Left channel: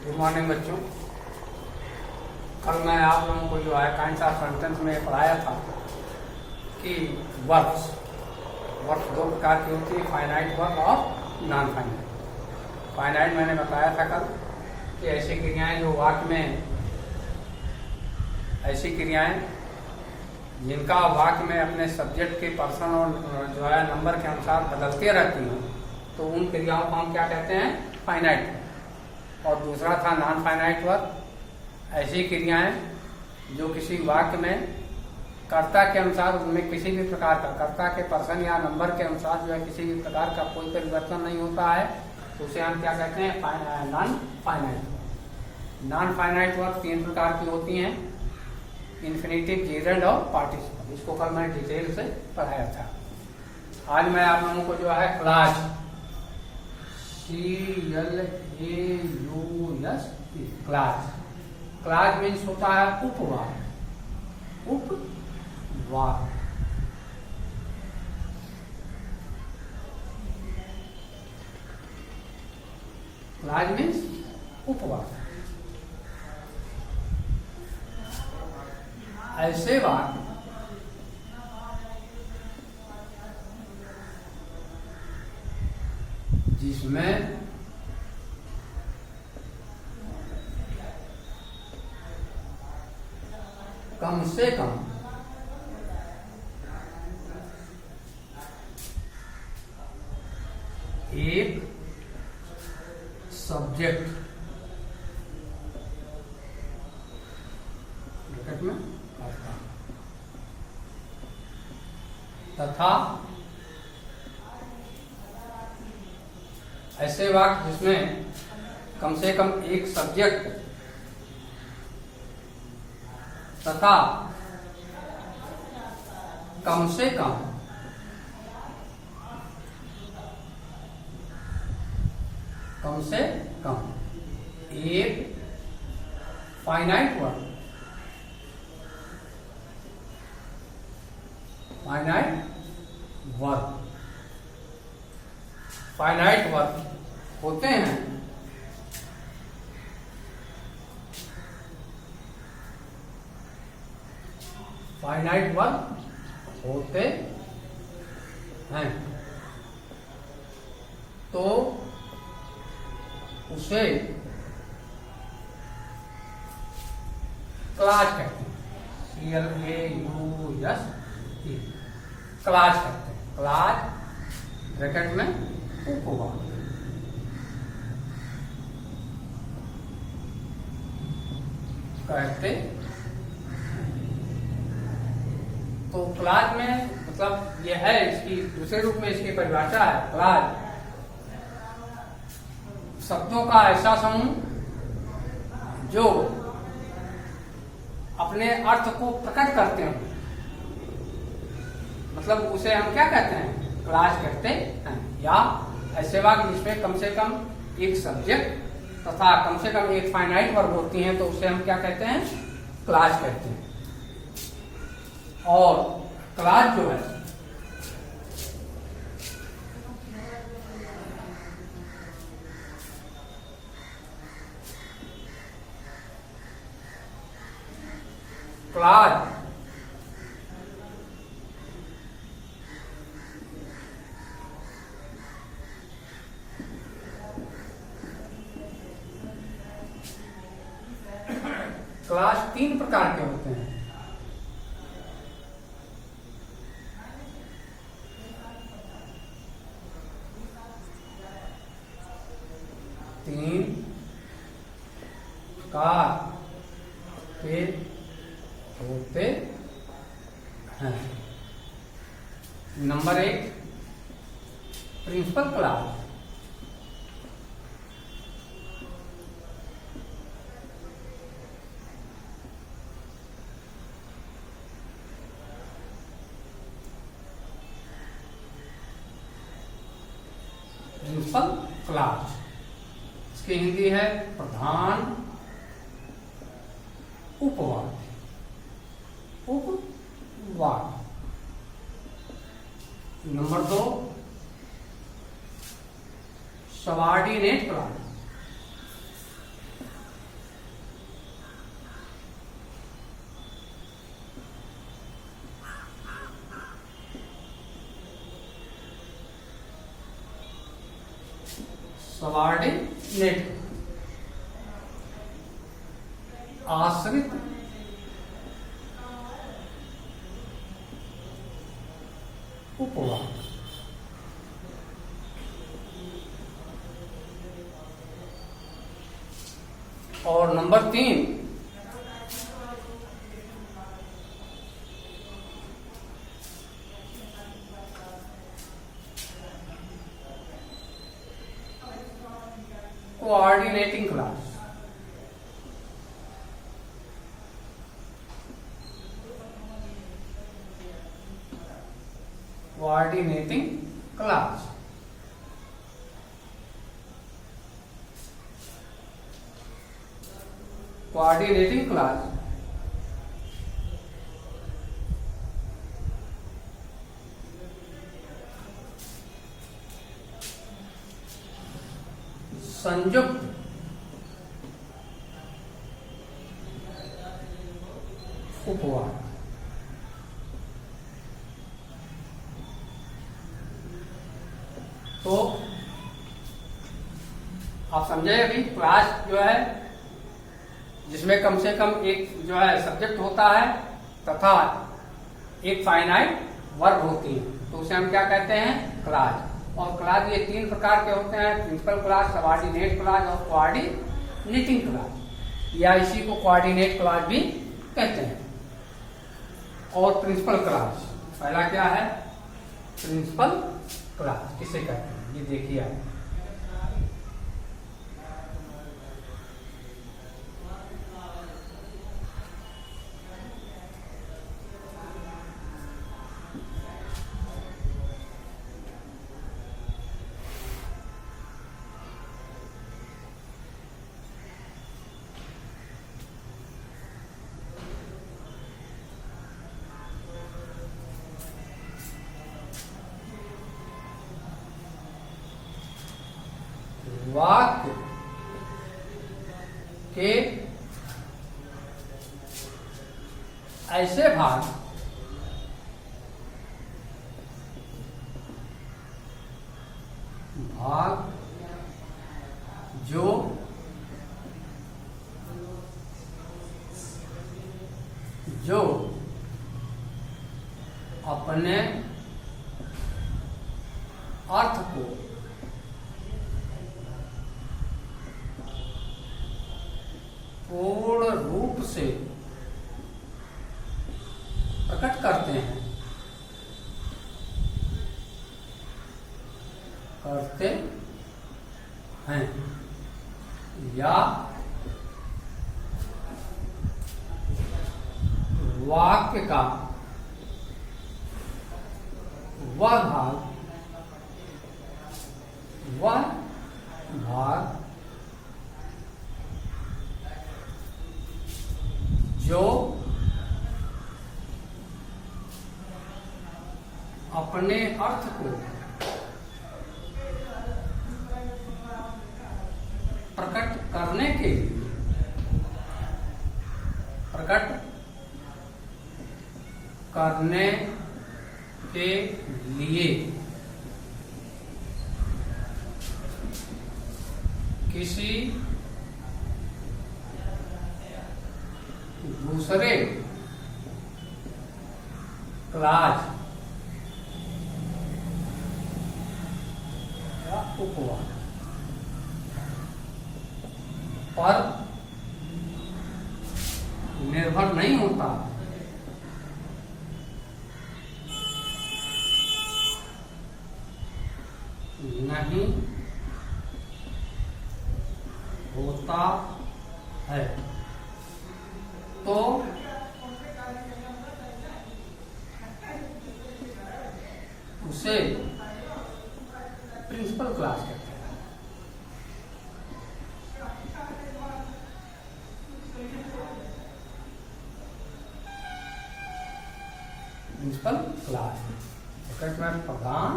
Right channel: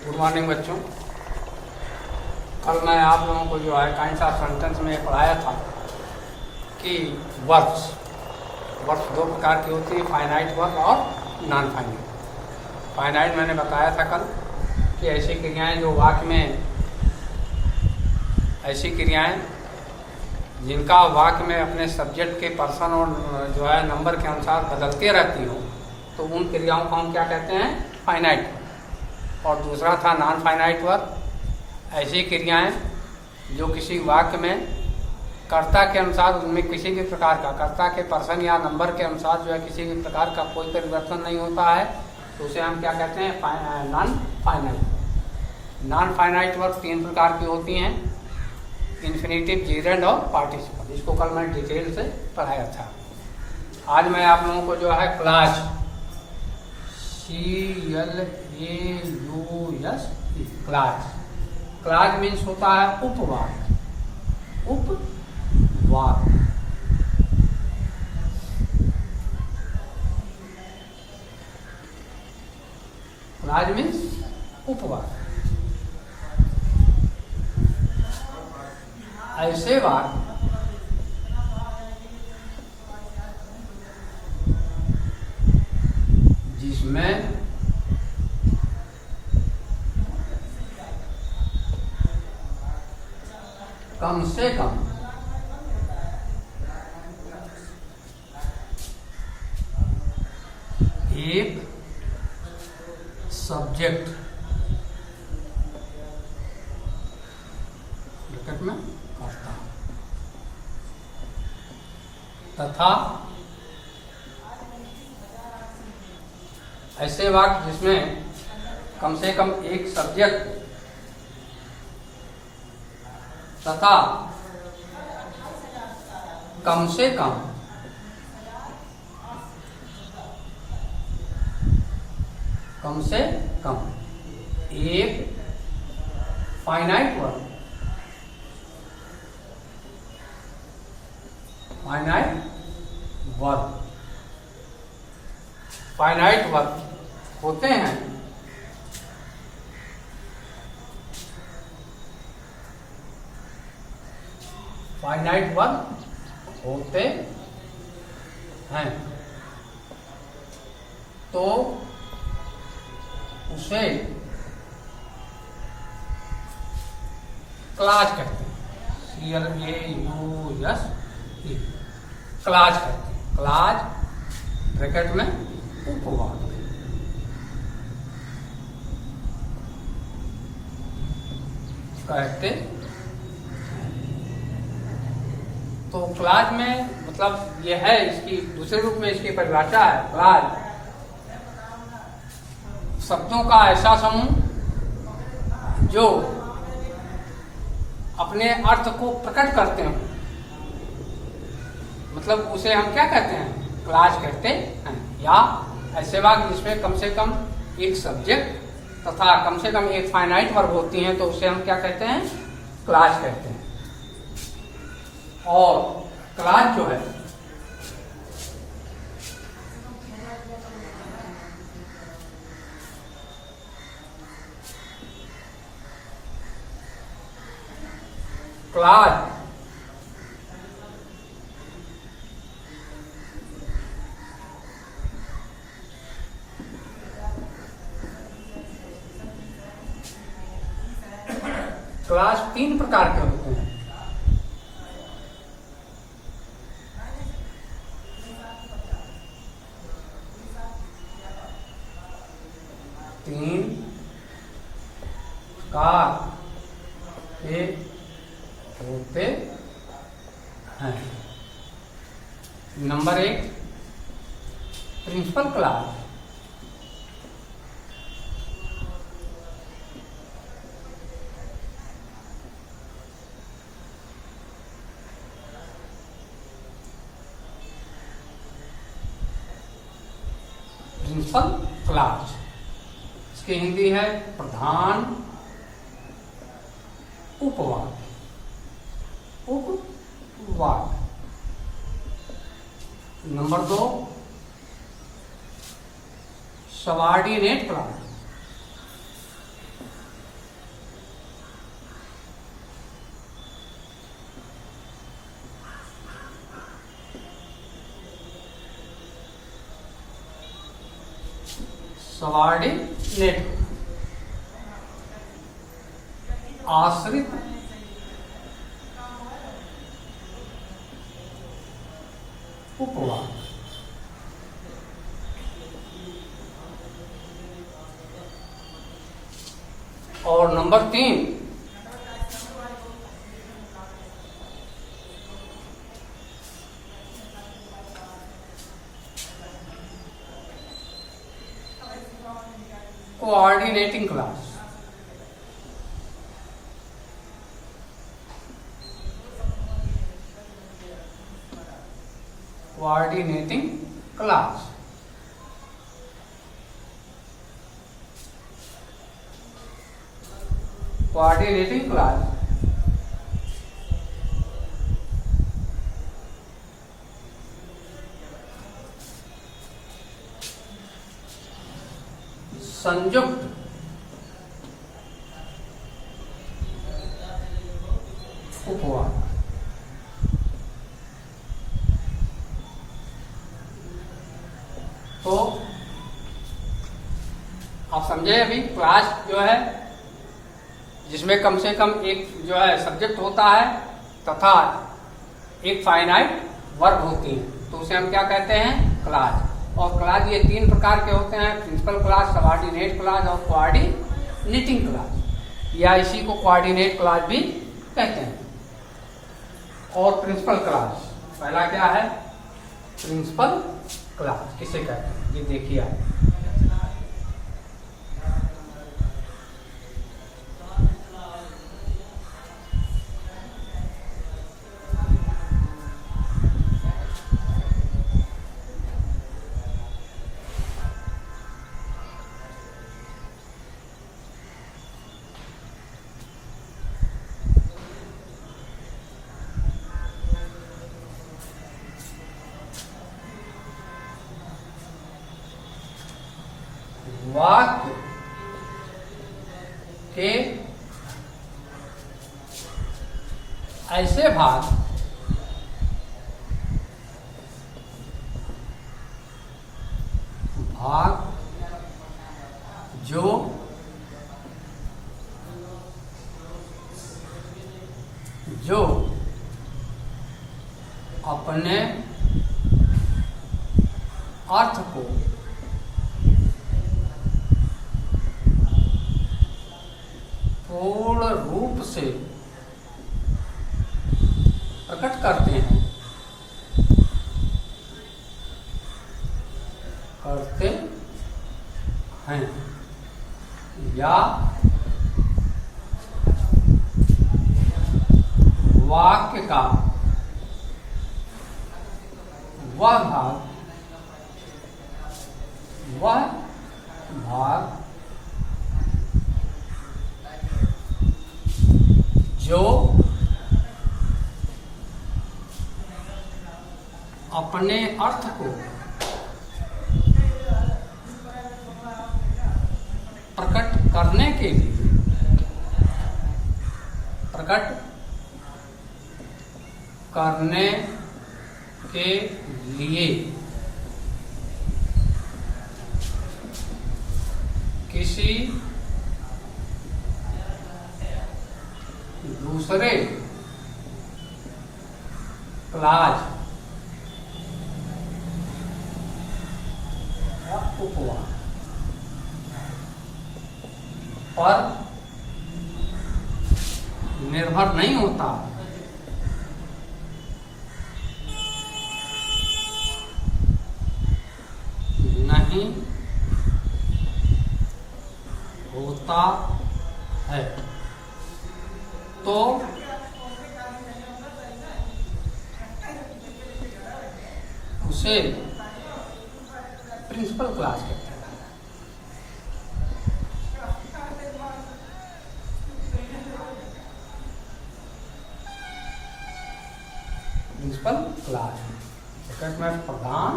Good morning बच्चों। कल मैं आप लोगों को जो है काइंड्स ऑफ सेंटेंस में पढ़ाया था कि वर्ब्स दो प्रकार की होती हैं, फाइनाइट वर्ब और नॉन फाइनाइट। फाइनाइट मैंने बताया था कल कि ऐसी क्रियाएं जो वाक्य में, ऐसी क्रियाएं जिनका वाक्य में अपने सब्जेक्ट के पर्सन और जो है नंबर के अनुसार बदलते रहती हों, तो उन क्रियाओं को हम क्या कहते हैं? Finite verb. और दूसरा था नॉन फाइनाइट वर्ब, ऐसी क्रियाएं जो किसी वाक्य में कर्ता के अनुसार उनमें किसी भी प्रकार का, कर्ता के पर्सन या नंबर के अनुसार जो है किसी भी प्रकार का कोई परिवर्तन नहीं होता है, तो उसे हम क्या कहते हैं? Non finite. Non finite verb तीन प्रकार की होती हैं, इन्फिनेटिव, जेरेंड और पार्टिसिपल। इसको कल मैंने डिटेल से पढ़ाया था। आज मैं आप लोगों को जो है clause, CLAUS, clause. Clause means होता है उपवाक्य। उपवाक्य क्लाज मीन्स उपवाक्य। ऐसे वाक्य जिसमें कम से कम एक सब्जेक्ट ब्रैकेट में करता तथा ऐसे वाक्य जिसमें कम से कम एक सब्जेक्ट तथा कम से कम एक फाइनाइट वर्ब, फाइनाइट वर्ब होते हैं फाइनाइट वर्ब होते हैं तो उसे क्लाज कहते हैं। CLAUS, क्लाज कहते हैं। क्लाज ब्रैकेट में उपवाक्य कहते। तो क्लाज में मतलब यह है, इसकी दूसरे रूप में इसकी परिभाषा है, क्लाज शब्दों का ऐसा समूह जो अपने अर्थ को प्रकट करते हो, मतलब उसे हम क्या कहते हैं? क्लाज कहते हैं। या ऐसे वाक्य जिसमें कम से कम एक सब्जेक्ट तथा कम से कम एक फाइनाइट वर्ब होती हैं, तो उसे हम क्या कहते हैं? क्लाज कहते हैं। और क्लाज जो है क्लाज क्लाज तीन प्रकार के होते हैं। तीन प्रकार के होते हैं। Number 1 principal clause. Principal clause, इसकी हिंदी है प्रधान उपवाक्य। उपवाक्य। Number 2 subordinate clause. सबऑर्डिनेट, आश्रित उपवाक। और number 3, coordinating clause. Coordinating clause. Coordinating clause संयुक्त उपवाक। तो आप समझे अभी क्लास जो है जिसमें कम से कम एक जो है सब्जेक्ट होता है तथा एक फाइनाइट वर्ब होती है, तो उसे हम क्या कहते हैं? क्लास। और क्लास ये 3 प्रकार के होते हैं, प्रिंसिपल क्लास, सबऑर्डिनेट क्लास और कोऑर्डिनेटिंग क्लास, या इसी को कोऑर्डिनेट क्लास भी कहते हैं। और प्रिंसिपल क्लास पहला क्या है? प्रिंसिपल क्लास किसे कहते हैं, ये देखिए आप। वाक्य के ऐसे भाग जो अपने अर्थ को पूर्ण रूप से प्रकट करते हैं, या वाक्य का वह भाग जो अपने अर्थ को प्रकट करने के लिए किसी दूसरे क्लास या उपवाक पर निर्भर नहीं होता, नहीं होता है, तो उसे प्रिंसिपल क्लास कहते हैं। प्रिंसिपल क्लास में प्रधान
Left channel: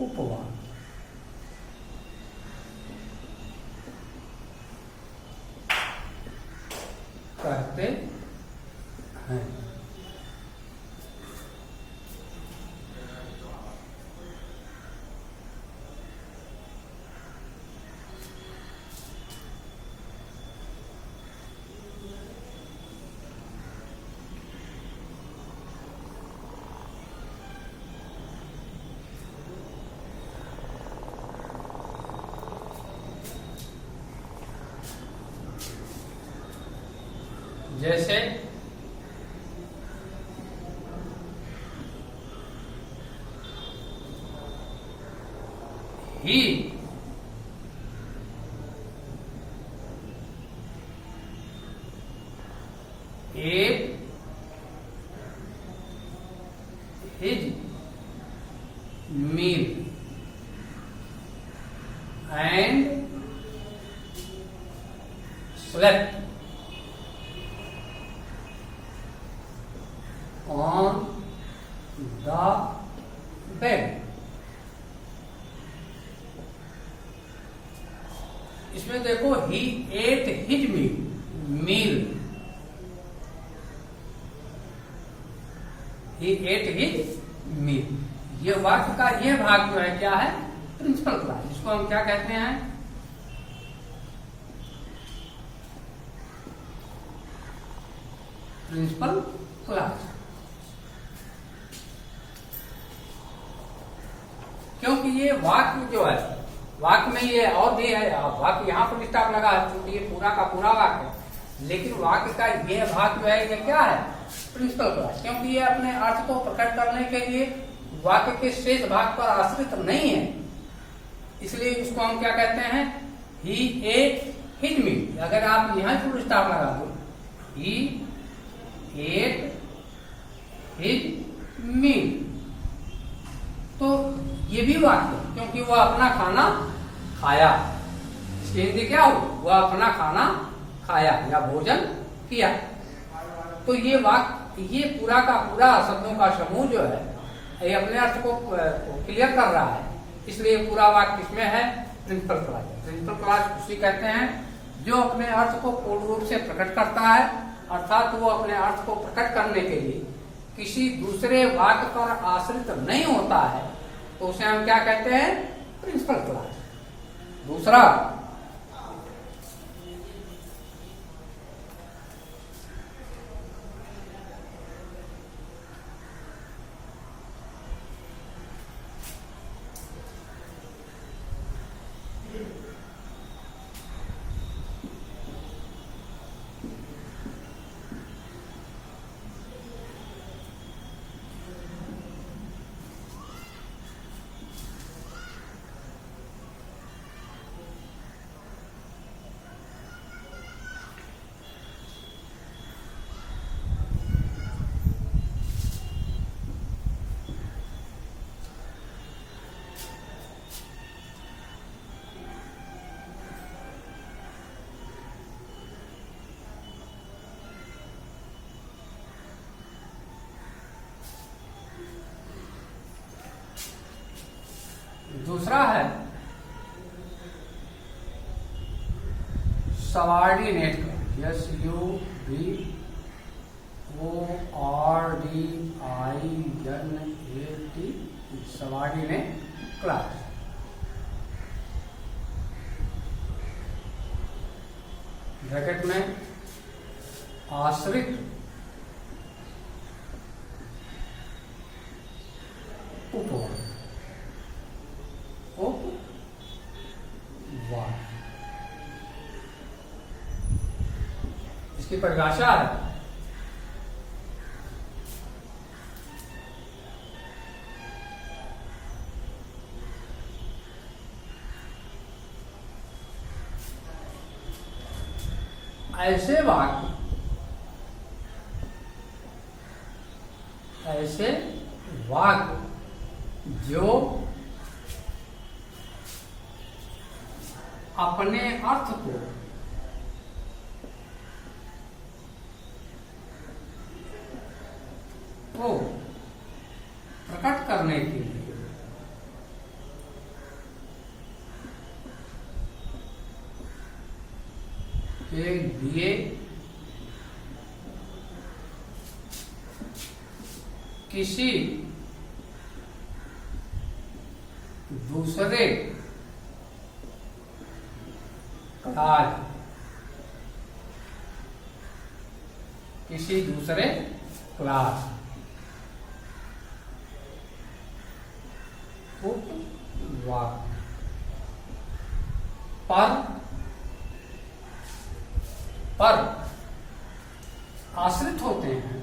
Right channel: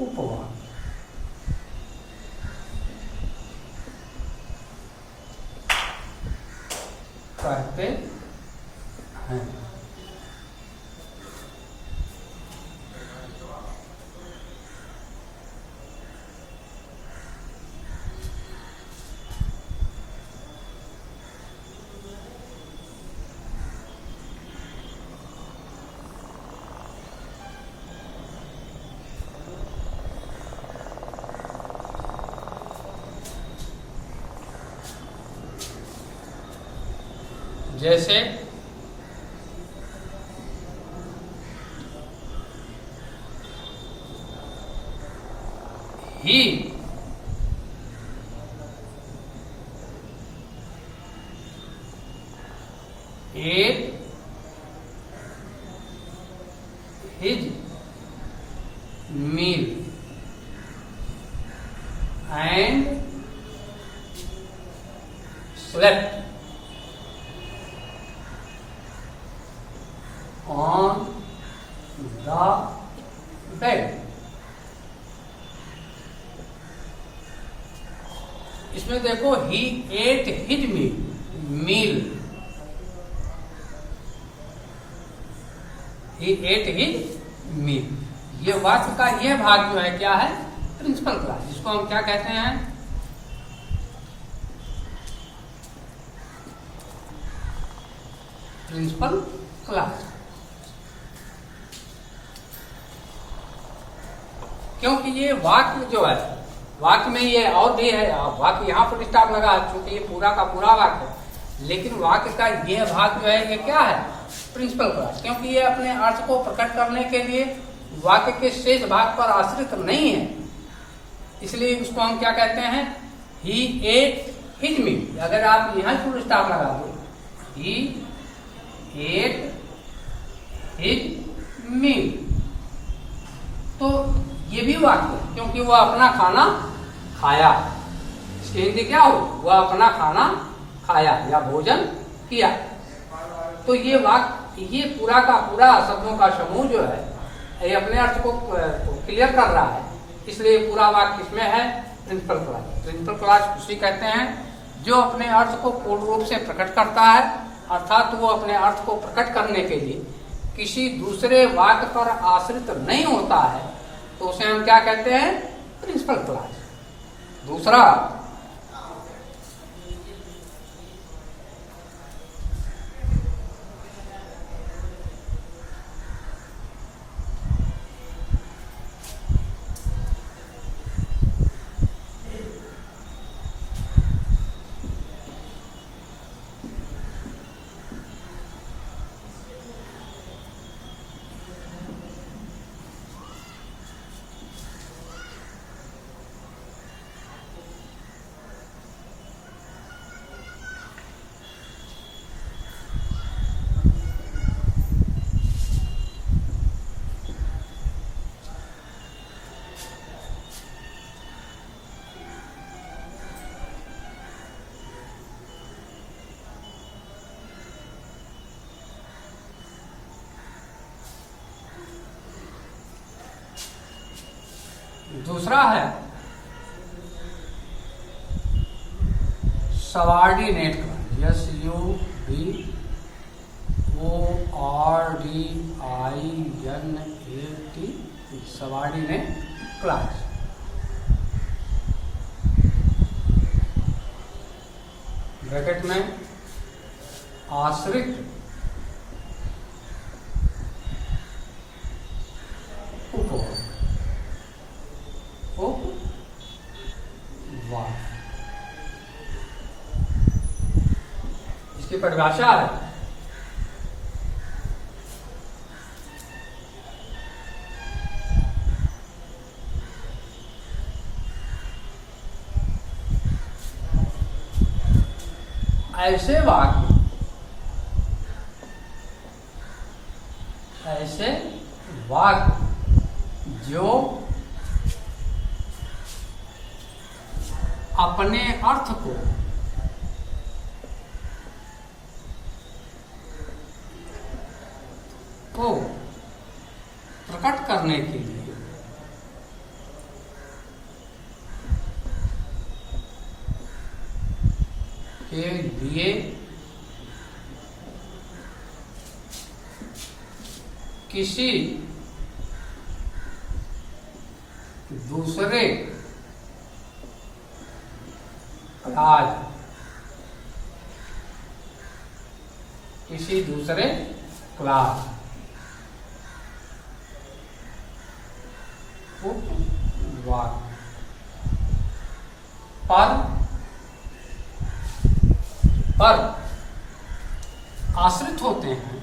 उपवाक कहते हैं। जैसे ही ate his meal and slept on the bed. इसमें देखो he ate his meal he ate his meal। ये वाक्य का यह भाग जो है क्या है, प्रिंसिपल क्लास, जिसको हम क्या कहते हैं, प्रिंसिपल क्लास। क्योंकि ये वाक्य जो है, वाक्य में ये और भी है, वाक्य यहाँ पर स्टॉप लगा है क्योंकि ये पूरा का पूरा वाक्य है, लेकिन वाक्य का ये भाग जो है ये क्या है, प्रिंसिपल क्लास। क्योंकि ये अपने अर्थ को प्रकट करने के लिए वाक्य के शेष भाग पर आश्रित नहीं है, इसलिए उसको हम क्या कहते हैं, ही एट हिज मील। अगर आप यहाँ फुल स्टॉप लगा दो, ही एट हिज मील, तो ये भी वाक्य है क्योंकि वह अपना खाना खाया। इसकी हिंदी क्या हो, वह अपना खाना खाया या भोजन किया। तो ये वाक्य, ये पूरा का पूरा शब्दों का समूह जो है ये अपने अर्थ को क्लियर कर रहा है, इसलिए पूरा वाक्य किसमें है, प्रिंसिपल क्लास। प्रिंसिपल क्लास उसी कहते हैं जो अपने अर्थ को पूर्ण रूप से प्रकट करता है, अर्थात वो अपने अर्थ को प्रकट करने के लिए किसी दूसरे वाक्य पर आश्रित नहीं होता है, तो उसे हम क्या कहते हैं, प्रिंसिपल क्लास। दूसरा, दूसरा है subordinate clause, SUBORDINAT, subordinate clause. Bracket में आश्रित उपवर्ग, इसकी परिभाषा है ऐसे वाक्य जो अपने अर्थ को प्रकट करने के लिए किसी दूसरे क्लॉज, उपवाक्य पर आश्रित होते हैं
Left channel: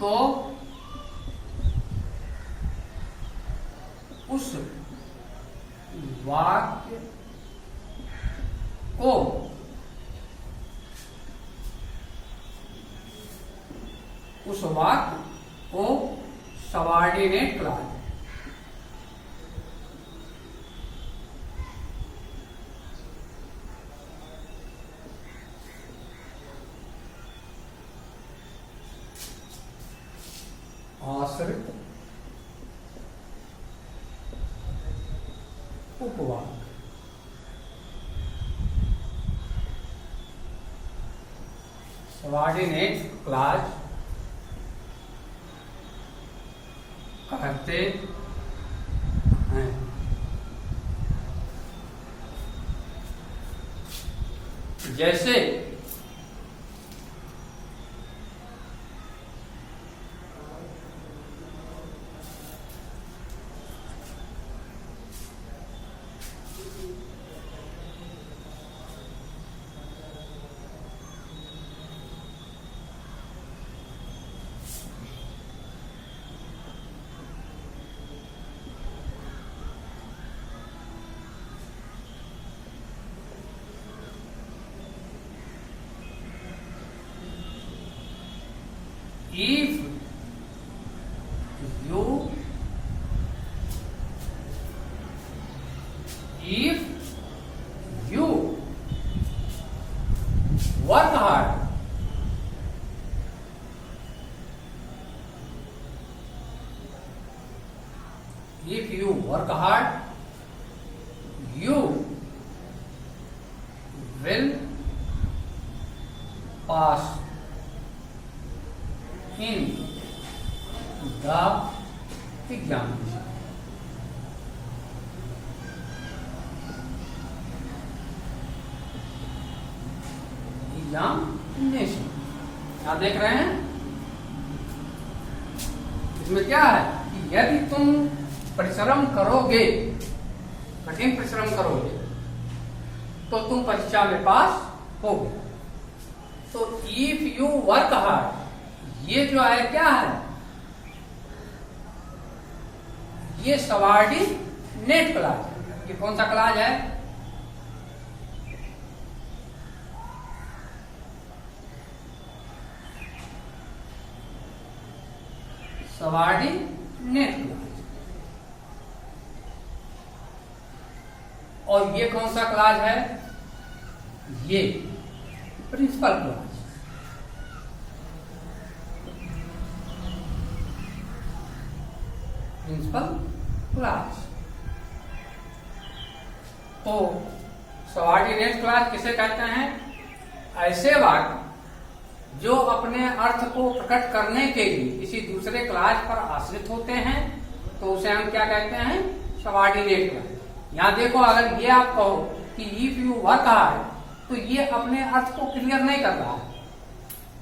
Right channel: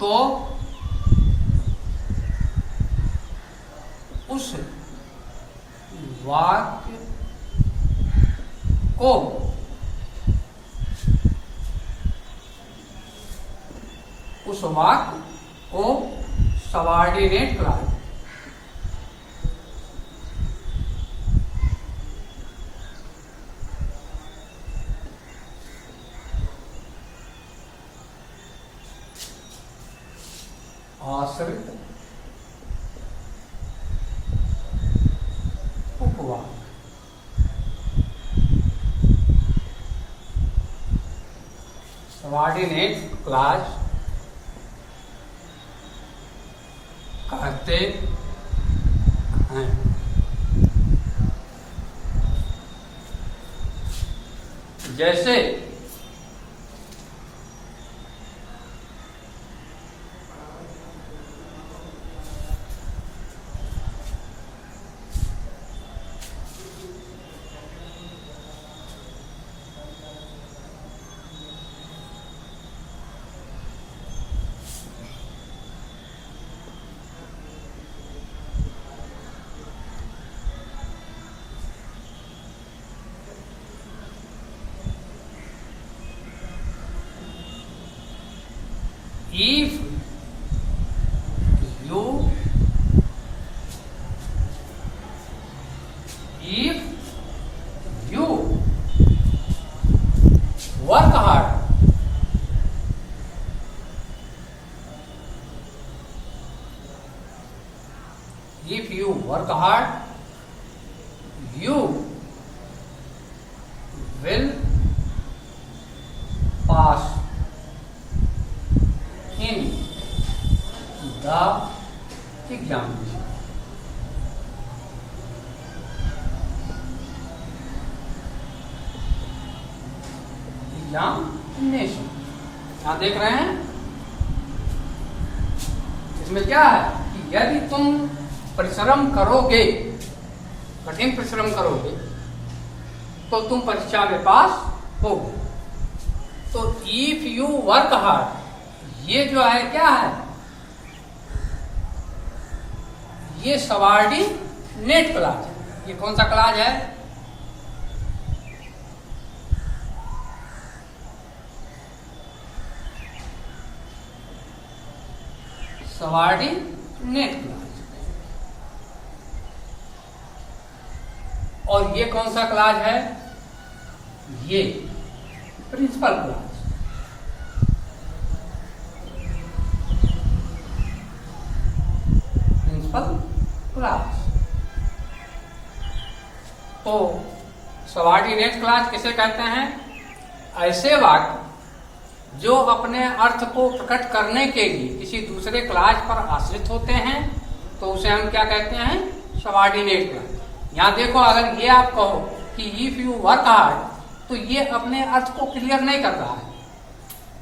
तो उस वाक्य को सबऑर्डिनेट क्लॉज आश्रित उपवाक्य सबऑर्डिनेट क्लॉज कहते हैं। जैसे if you work hard, if you work hard, you will pass in the examination. Examination यहां देख रहे हैं, इसमें क्या है कि यदि तुम परिश्रम करोगे, कठिन परिश्रम करोगे, तो तुम परीक्षा में पास होगे। तो इफ यू वर्क हार्ड, ये जो है क्या है, ये सबऑर्डिनेट क्लॉज है। ये कौन सा क्लॉज है? Subordinate clause. और ये कौन सा क्लॉज है? ये प्रिंसिपल क्लॉज। Principal clause. तो सबऑर्डिनेट क्लॉज किसे कहते हैं? ऐसे वाक्य जो अपने अर्थ को प्रकट करने के लिए किसी दूसरे क्लॉज पर आश्रित होते हैं, तो उसे हम क्या कहते हैं? Subordinate clause. यहां देखो, अगर ये आप कहो कि इफ यू वर्क हार्ड, तो ये अपने अर्थ को क्लियर नहीं कर रहा है,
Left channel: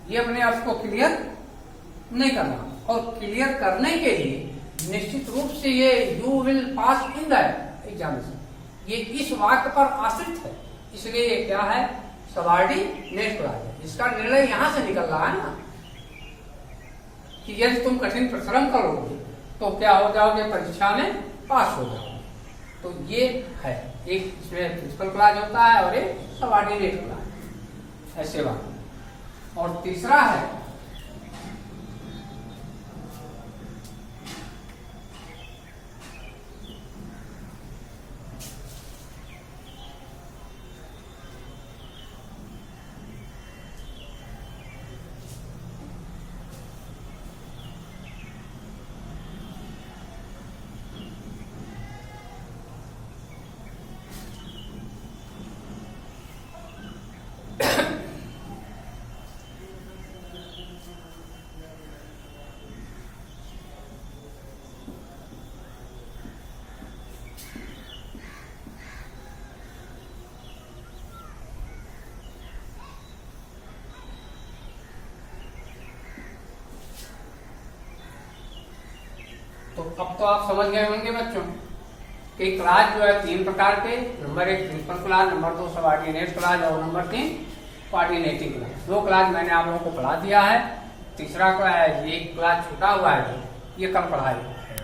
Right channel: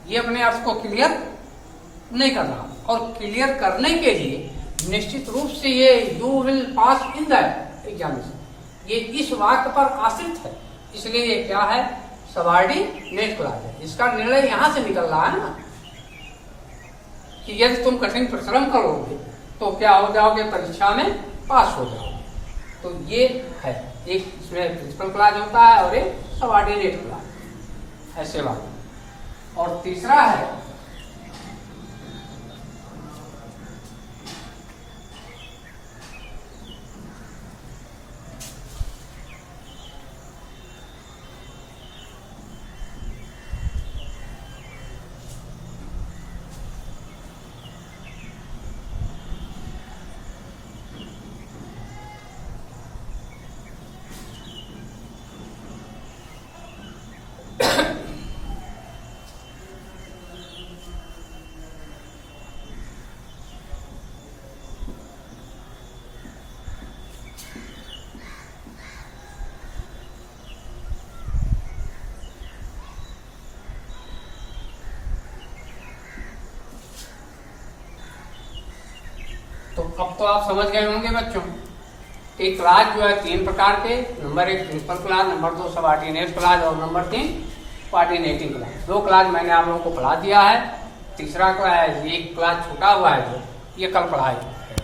ये अपने अर्थ को क्लियर नहीं कर रहा। और क्लियर करने के लिए निश्चित रूप से ये you will pass in the examination, ये इस वाक्य पर आश्रित है, इसलिए ये क्या है? सबऑर्डिनेट क्लॉज है। इसका निर्णय यहां से निकल रहा है ना कि यदि तुम कठिन परिश्रम करोगे तो क्या हो जाओगे? परीक्षा में पास हो जाओगे। तो ये है, एक इसमें प्रिंसिपल क्लॉज होता है और एक सबऑर्डिनेट क्लॉज, ऐसे बात। और तीसरा है अब तो आप समझ गए होंगे बच्चों कि क्लास जो है 3 प्रकार के, number 1 principal class, number 2 subordinate class और नंबर 3 कोऑर्डिनेटिंग क्लास। 2 क्लास मैंने आप लोगों को पढ़ा दिया है, तीसरा क्या है, ये क्लास छूटा हुआ है जो ये कल पढ़ाएगा।